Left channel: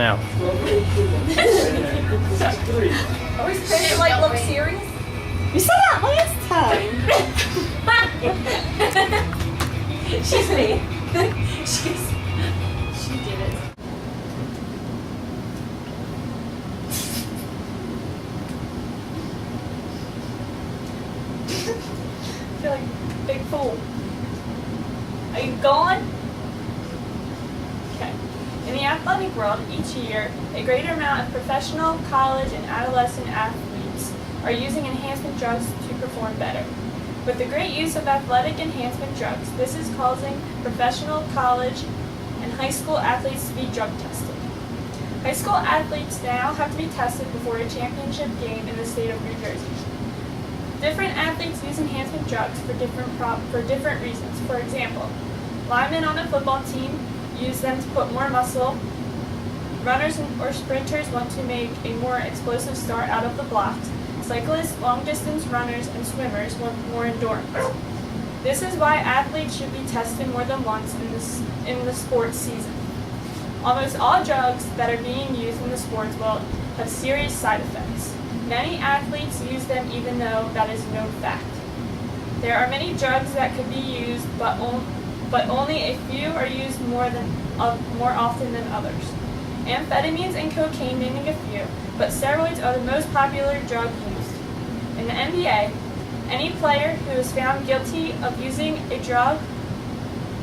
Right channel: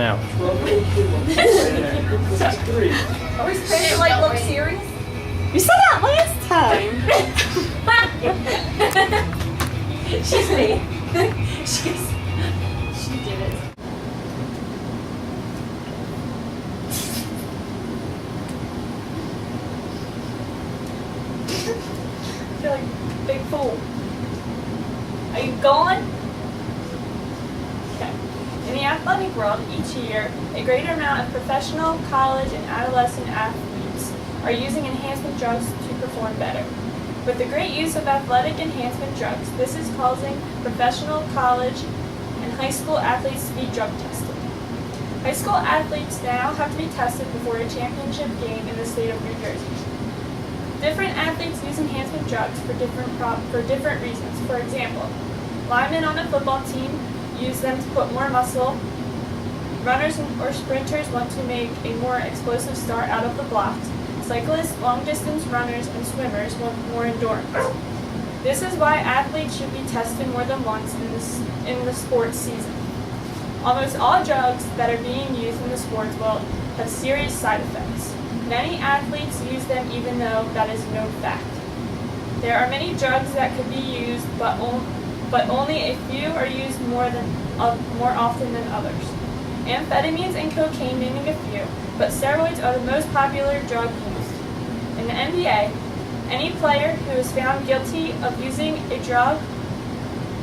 now. Always trying to look serious. You said that last time. She's me. She did it. I feel like a big fool. Are you going? Okay. In the athletic world, each year, a greater amount of professional, college, and adolescent athletes are using enhancement drugs to perform better. With the great use of athletic enhancement drugs, this is causing professional, college, and high school athletes to be drug tested. High school athletes now have to be tested before a championship game in the state of New Jersey. Different athletes use enhancement drugs for different reasons. For example, linemen on a football team use them to put more muscle. Runners or sprinters want to make a more explosive start out of the blocks. Cyclists, long-distance runners, and swimmers want more endurance. This is why athletes should be tested more than once in the sports season. Almost all drugs that are being used in the sports world have serious side effects. Many athletes use them even though that is no fact. There are many drugs that could be used, but only a few are used more often than others. Amphetamines and cocaine naming a few, but steroids are the most popular drug used. In the NBA, any player who is found guilty of using a drug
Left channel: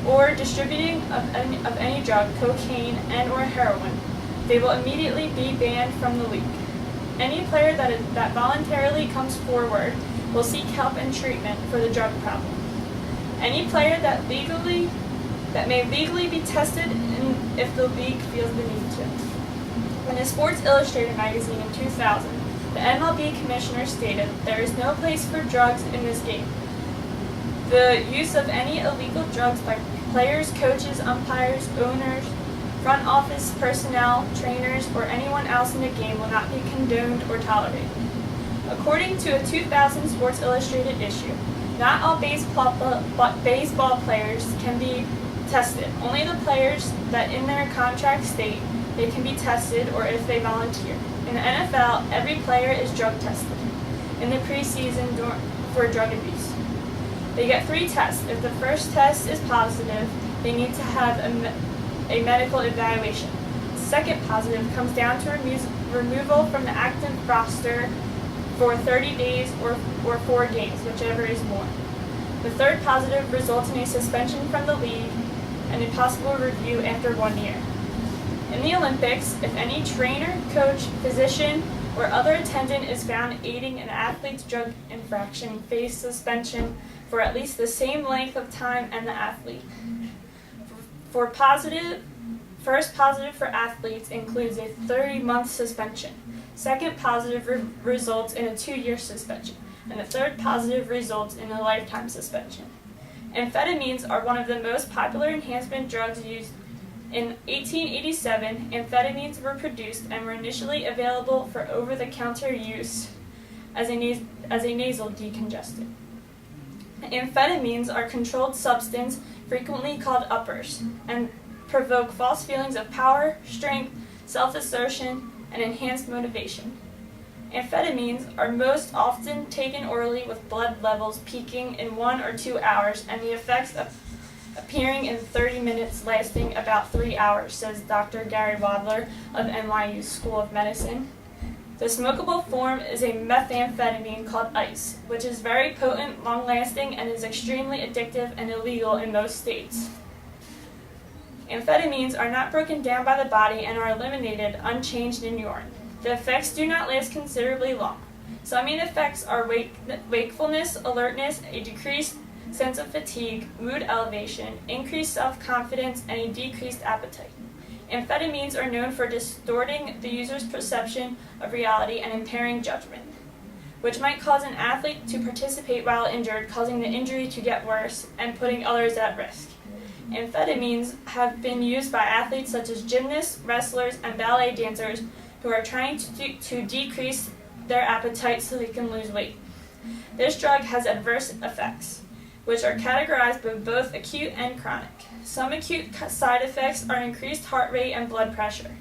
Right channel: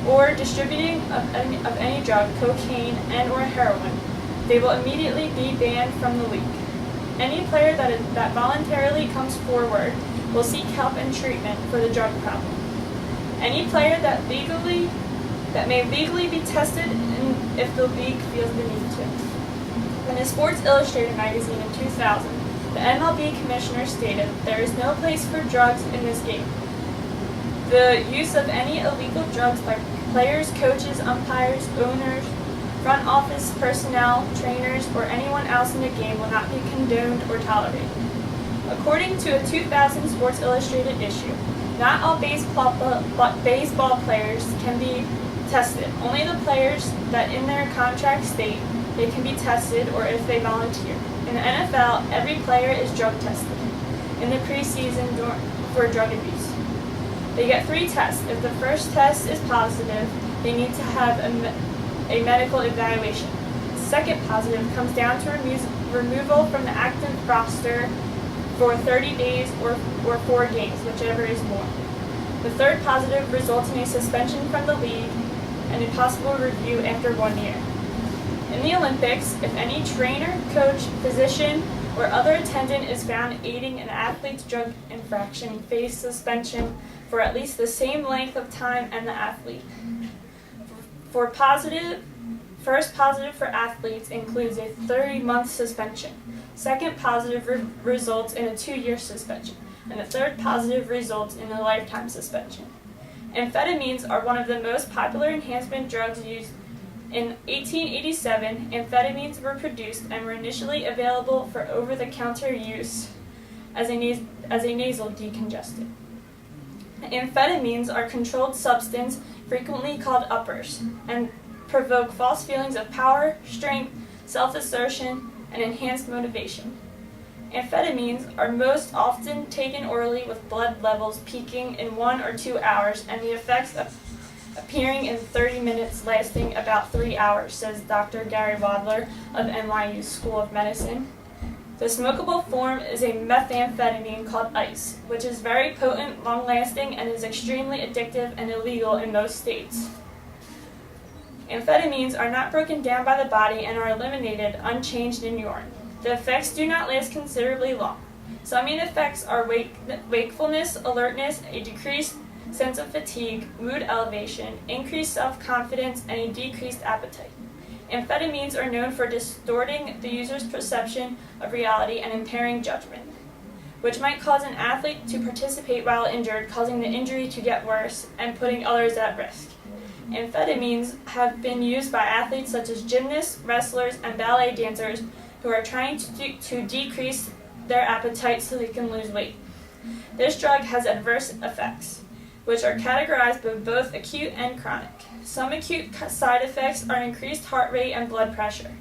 or distributing of any drug, cocaine and or heroin, they will immediately be banned from the league. Any player that voluntarily comes forward will seek help and treatment for the drug problem. Any player that may legally be tested if the league feels the need to. In a Sports Illustrated magazine in 2000, the MLB commissioner stated, "There is no place for drugs in this game. The use of any illegal drugs by players, coaches, umpires, owners, front office personnel, trainers, or anyone else in the game will not be condoned or tolerated." According to a 2000 Sports Illustrated issue, not all baseball players can be tested. Only the players that in their contract state they can be tested or if they volunteer. In the NFL, every player is drug tested in the preseason for drug abuse. They get 3 tests. If the first test is positive, they need to have a medical evaluation. The second positive comes down to removal from the active roster for 30 days or 4 games, whichever is more. The third positive results in a suspension from the league and a possible review after 1 year. In the Olympics, if any trainer, coach, physician, or other attendant is found aiding an athlete's drug infraction, face suspension for at least the same length of time and the athlete. First positive for athletes includes a 30-month suspension. Second positive results in a 2-year suspension. And the third positive results in a lifetime suspension. Amphetamines are one of the most popular enhancement drugs used. In 1887, amphetamines were produced and were initially available for over-the-counter use as a nasal decongestant. Amphetamines are controlled substances, frequently called uppers, and provoke false feelings of power, strength, self-assertion, and enhanced motivation. Amphetamines are most often taken orally with blood levels peaking in 1 or 2 hours and the effects appearing in 30 minutes, lasting about 3 hours, says Dr. Gary Wadler of NYU School of Medicine. The smokable form is a methamphetamine called ice, which is very potent, long-lasting, and is extremely addictive and illegal in most states. Amphetamines are not broken down by the body and are eliminated unchanged in urine. The effects do not last considerably long. Some main effects are wakefulness, alertness, a decreased sense of fatigue, mood elevation, increased self-confidence, and a decreased appetite. Amphetamines are known for distorting the user's perception of reality and impairing judgment, which might cause an athlete to participate while injured, causing the injury to get worse and putting others at risk. Amphetamines have been used by athletes such as gymnasts, wrestlers, and ballet dancers who are trying to decrease their appetite so they can lose weight. This drug has adverse effects, which are categorized by both acute and chronic. Some acute side effects are increased heart rate and blood pressure.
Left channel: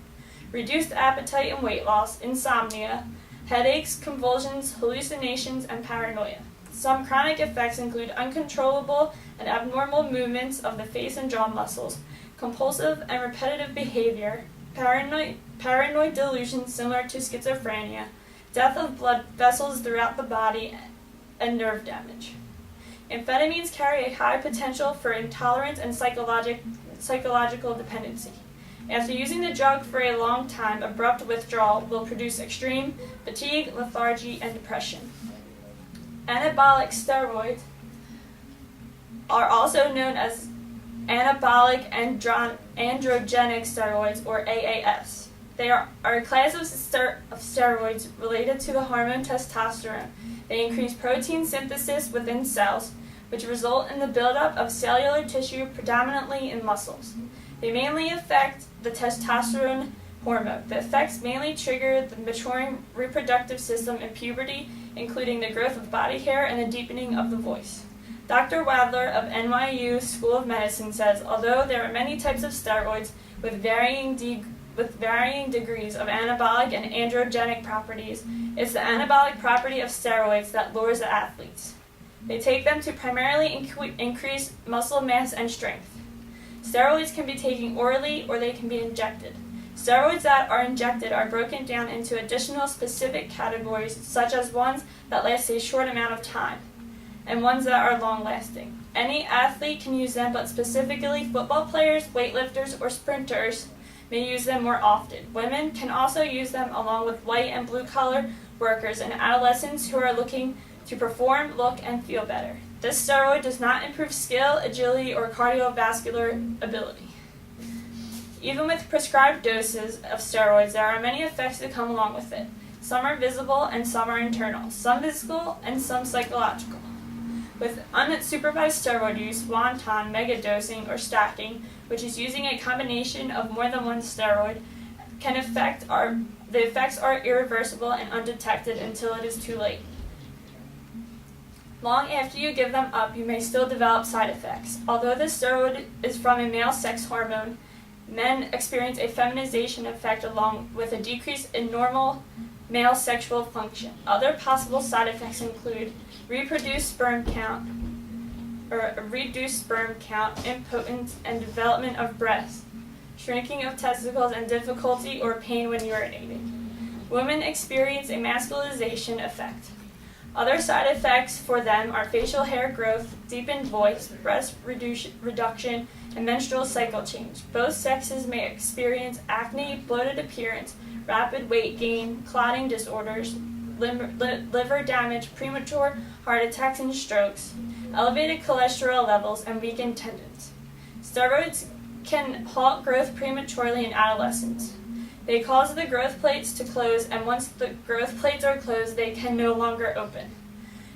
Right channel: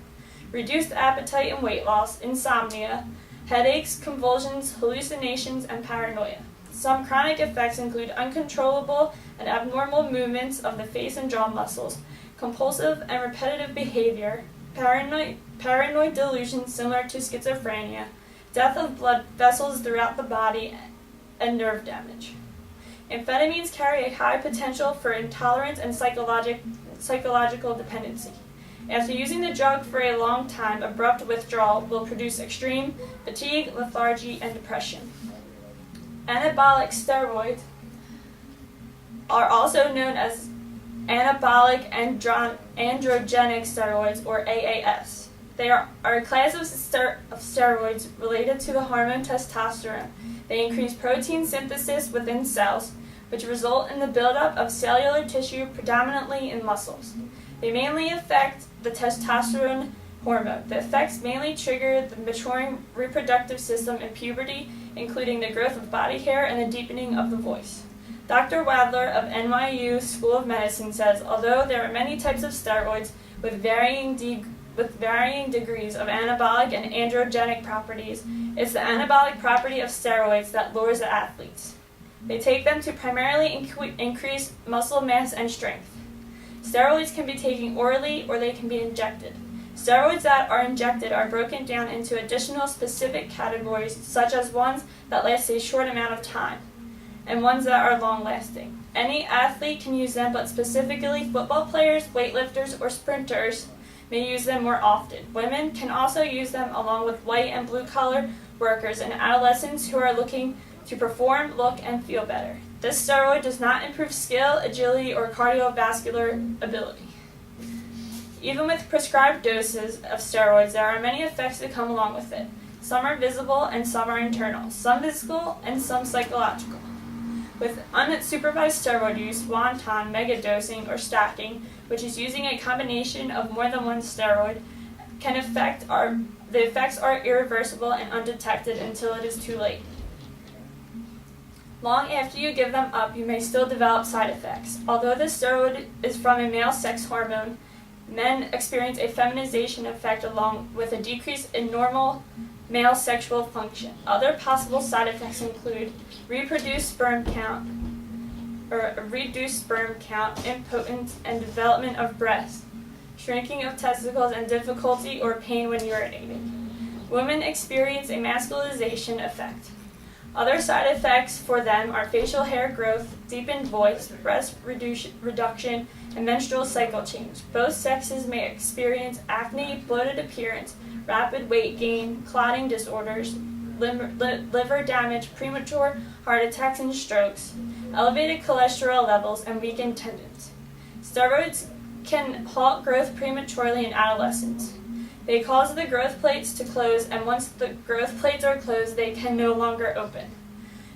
reduced appetite and weight loss, insomnia, headaches, convulsions, hallucinations, and paranoia. Some chronic effects include uncontrollable and abnormal movements of the face and jaw muscles, compulsive and repetitive behavior, paranoid delusions similar to schizophrenia, death of blood vessels throughout the body, and nerve damage. Amphetamines carry a high potential for intolerance and psychological dependency. After using the drug for a long time, abrupt withdrawal will produce extreme fatigue, lethargy, and depression. Anabolic steroids are also known as anabolic androgenic steroids, or AAS. They are a class of steroids related to the hormone testosterone. They increase protein synthesis within cells, which result in the buildup of cellular tissue predominantly in muscles. They mainly affect the testosterone hormone. The effects mainly trigger the maturing reproductive system in puberty, including the growth of body hair and the deepening of the voice. Dr. Wadler of NYU School of Medicine says, although there are many types of steroids with varying degrees of anabolic and androgenic properties, it's the anabolic property of steroids that lures the athletes. They take them to primarily increase muscle mass and strength. Steroids can be taken orally or they can be injected. Steroids that are injected are broken down into additional specific categories, such as ones that last a short amount of time, and ones that are long-lasting. Any athlete can use them, but specifically football players, weightlifters, or sprinters may use them more often. Women can also use them along with white and blue-collar workers and adolescents who are looking to perform, look, and feel better. This steroid does not improve skill, agility, or cardiovascular ability. Even with prescribed doses of steroids, there are many effects that come along with it. Some are visible and some are internal, some physical and some psychological. With unsupervised steroid use, wanton, megadosing, or stacking, which is using a combination of more than one steroid, the effects are irreversible and undetected until it is too late. Long after you give them up, you may still develop side effects. Although the steroid is from a male sex hormone, men experience a feminization effect along with a decrease in normal male sexual function. Other possible side effects include reduced sperm count, impotence, and development of breasts, shrinking of testicles, and difficulty or pain when urinating. Women experience a masculinization effect. Other side effects for them are facial hair growth, deepened voice, breast reduction, and menstrual cycle change. Both sexes may experience acne, bloated appearance, rapid weight gain, clotting disorders, liver damage, premature heart attacks and strokes, elevated cholesterol levels, and weakened tendons. Steroids can halt growth prematurely in adolescence. They cause the growth plates to close, and once the growth plates are closed, they can no longer open.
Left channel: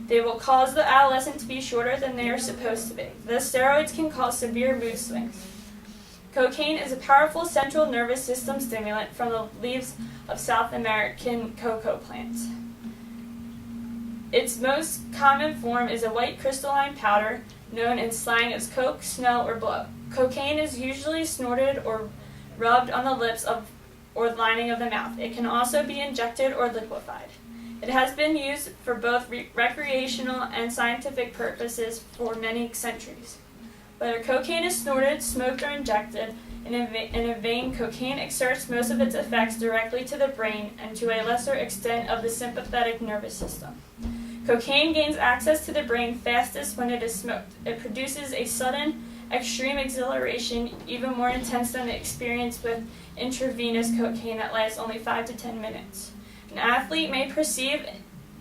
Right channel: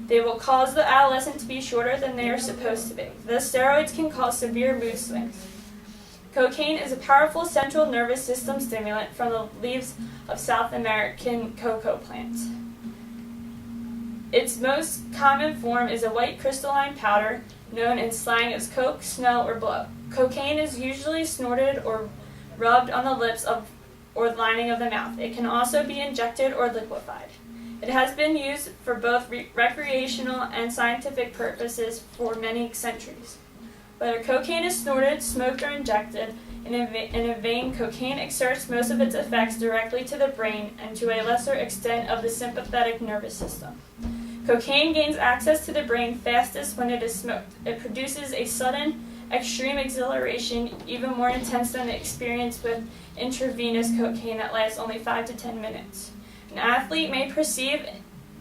They will cause the adolescent to be shorter than they are supposed to be. The steroids can cause severe mood swings. Cocaine is a powerful central nervous system stimulant from the leaves of South American cocoa plants. Its most common form is a white crystalline powder known in slang as coke, snell, or blow. Cocaine is usually snorted or rubbed on the lips or lining of the mouth. It can also be injected or liquefied. It has been used for both recreational and scientific purposes for many centuries. Whether cocaine is snorted, smoked, or injected, in a vein, cocaine exerts most of its effects directly to the brain and to a lesser extent of the sympathetic nervous system. Cocaine gains access to the brain fastest when it is smoked. It produces a sudden, extreme exhilaration, even more intense than the experience with intravenous cocaine that lasts only 5 to 10 minutes. An athlete may perceive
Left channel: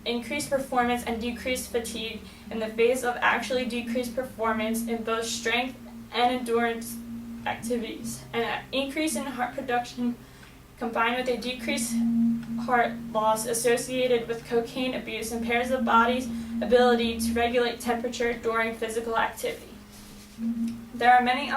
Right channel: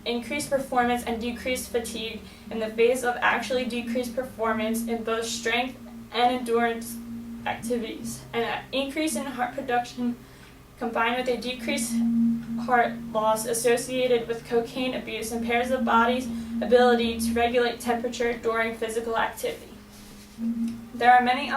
increased performance and decreased fatigue in the face of actually decreased performance in both strength and endurance activities. An increase in heart production combined with a decreased heart loss associated with cocaine abuse impairs the body's ability to regulate temperature during physical activity. There are many